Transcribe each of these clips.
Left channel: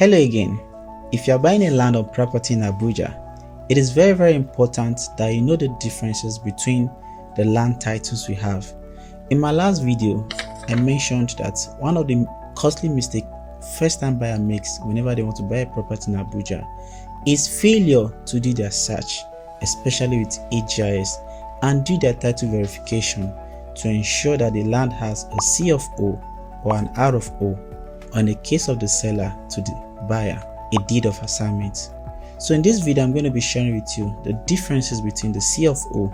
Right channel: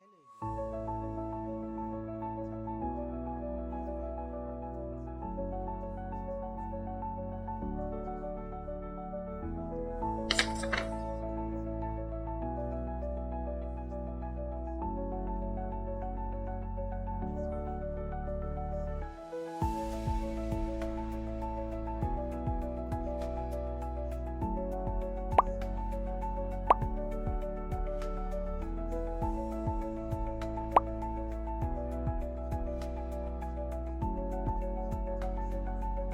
Hello again. If you are buying a land or property in Abuja, it is very important that you know the differences between the land titles we have. In my last video, I mentioned that one of the costly mistakes first-time buyer makes whenever they want to buy a property in Abuja is failure to do their search, especially with HGIS, and do their title verification to ensure that the land has a C of O or an R of O, or in the case of the seller to the buyer, a deed of assignment. So in this video, I'm going to be sharing with you the differences between the C of O,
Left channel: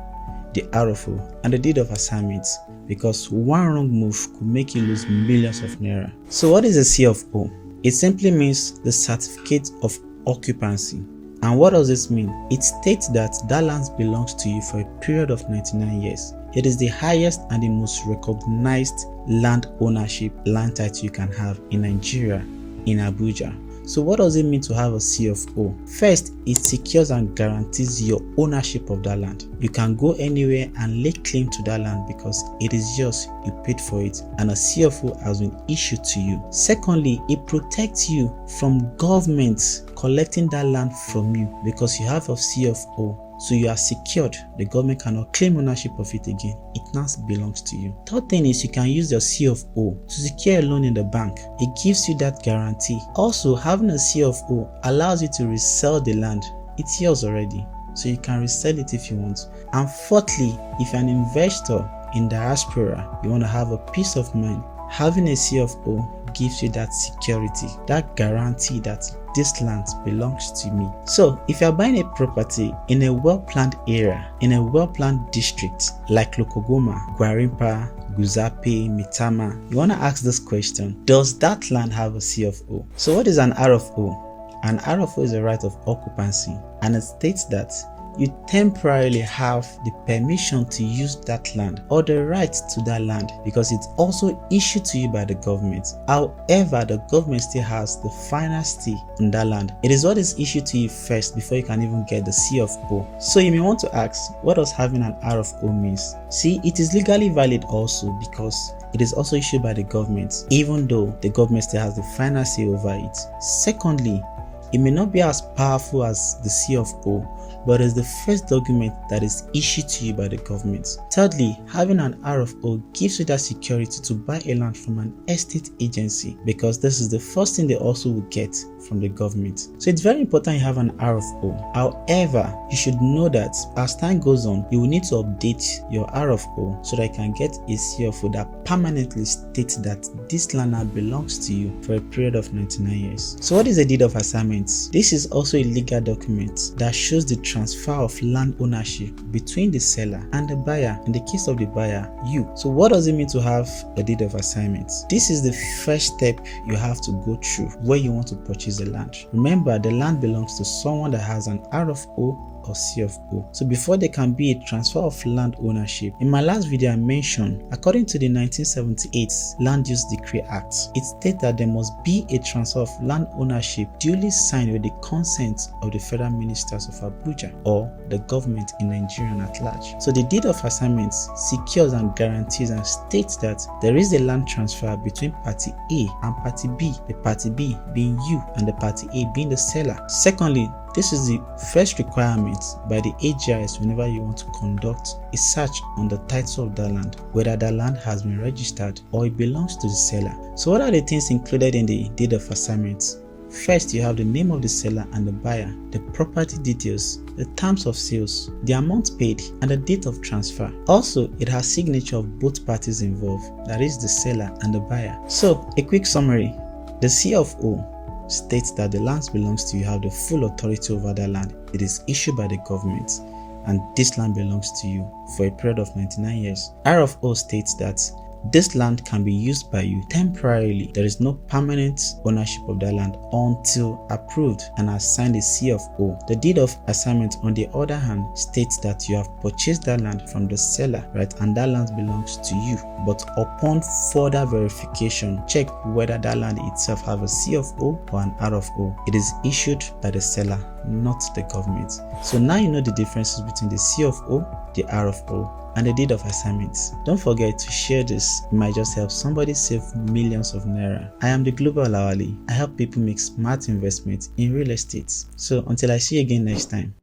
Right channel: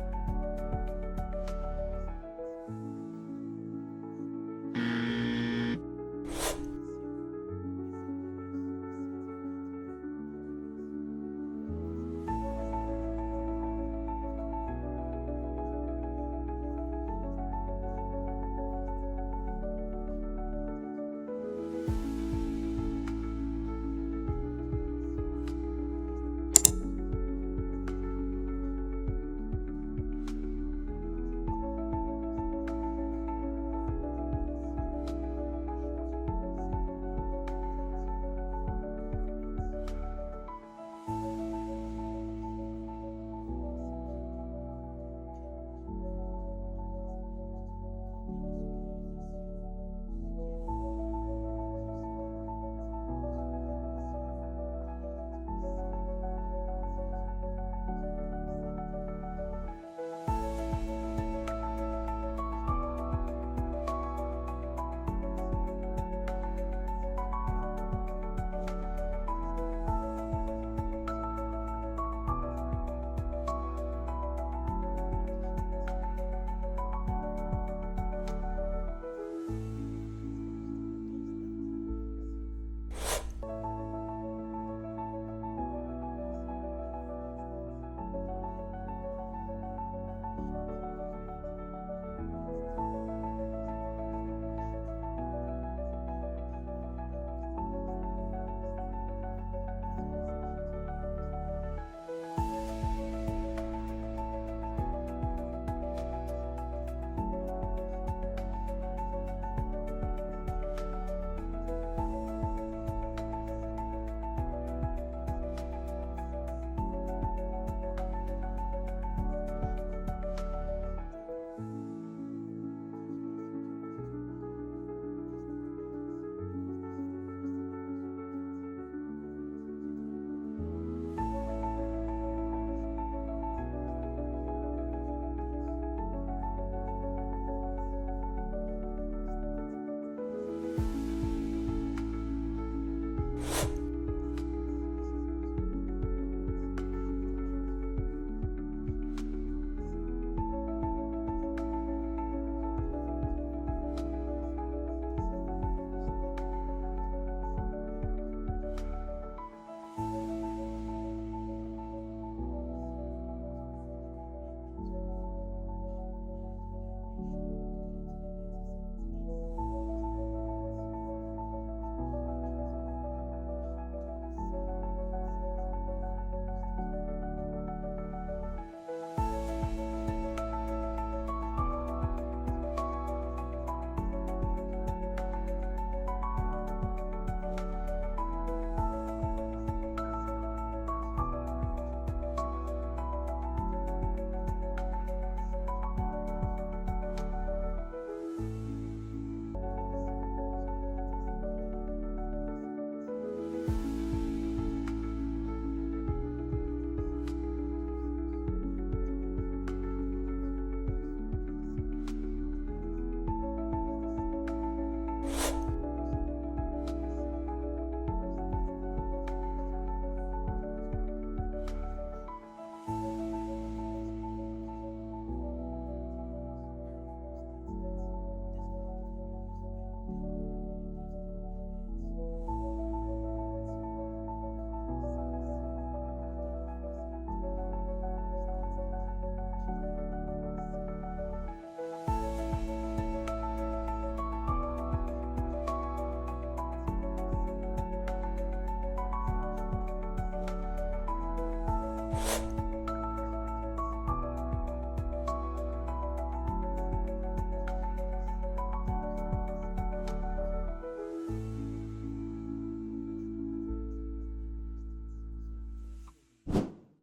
the R of O, and the deed of assignment, because one wrong move could make you lose millions of naira. So what is a C of O? It simply means the certificate of occupancy. And what does this mean? It states that that land belongs to you for a period of 99 years. It is the highest and the most recognized land ownership land title you can have in Nigeria, in Abuja. So what does it mean to have a C of O? First, it secures and guarantees your ownership of that land. You can go anywhere and lay claim to that land because it is yours, you paid for it, and a C of O has been issued to you. Secondly, it protects you from government collecting that land from you because you have a C of O. So you are secured. The government cannot claim ownership of it again. It now belongs to you. Third thing is you can use your C of O to secure a loan in the bank. It gives you that guarantee. Also, having a C of O allows you to resell the land. It's yours already, so you can resell it if you want. And fourthly, if you're an investor in diaspora, you want to have a peace of mind, having a C of O gives you that security, that guarantee that this land belongs to me. So if you're buying a property in a well-planned area, in a well-planned district like Lokogoma, Gwarimpa, Guzape, Mitama, you want to ask this question: does that land have a C of O? So what is an R of O? An R of O is a right of occupancy, and it states that you temporarily have the permission to use that land or the right to that land because it's also issued to you by the government. However, the government still has the final say on that land. It is what is issued to you first before you can even get the C of O. So you may want to ask, what does having an R of O means? See, it is legally valid also because it is also issued by the government, even though the government still has the final say over it. Secondly, it may not be as powerful as the C of O, but is the first document that is issued to you by the government. Thirdly, having an R of O gives you that security to buy a land from an estate agency because this is the first thing they also will get from the government. So it's very important you have an R of O. However, you should know that as time goes on, you will need to update your R of O so that you can get a C of O that permanently states that this land now belongs to you for a period of 99 years. So what is a deed of assignment? This is also a legal document that shows the transfer of land ownership between the seller and the buyer. In the case of the buyer, you. So what does it mean to have a deed of assignment? This is the first step you have to go through where you want to purchase the land. Remember, the land belongs to someone that has an R of O or C of O. So before there can be a transfer of land ownership, in my last video I mentioned, according to the 1978 Land Use Decree Act, it states that there must be a transfer of land ownership duly signed with the consent of the Federal Ministers of Abuja or the government in Nigeria at large. So the deed of assignment secures and guarantees and states that there is a land transfer between party A and party B, the party B being you and the party A being the seller. Secondly, this is the first requirement by the HGIS whenever you want to conduct a search on the title of the land, whether the land has been registered or it belongs to the seller. So what are the things included in the deed of assignment? First, you have the name of the seller and the buyer, the property details, the terms of sales, the amount paid, and the date of transfer. Also, it has signature of both parties involved, that is the seller and the buyer. So, a quick summary. The C of O states that the land belongs to you, have the full authority over that land. It is issued by the government and this land belongs to you for a period of 99 years. R of O states that this land can be used by you temporarily. There is no permanent ownership of that land until approved and has signed a C of O. The deed of assignment, on the other hand, states that you have purchased that land from the seller, right, and that land belongs to you. But upon further verification, check whether that land itself have a C of O or an R of O. It is issued by the seller, not the government. So now you know the differences between the C of O, the R of O, and the deed of assignments. Don't forget to share this, it might just help somebody save millions of naira. I am the Global Olawale. I help people make smart investments in real estate. So until I see you again next time.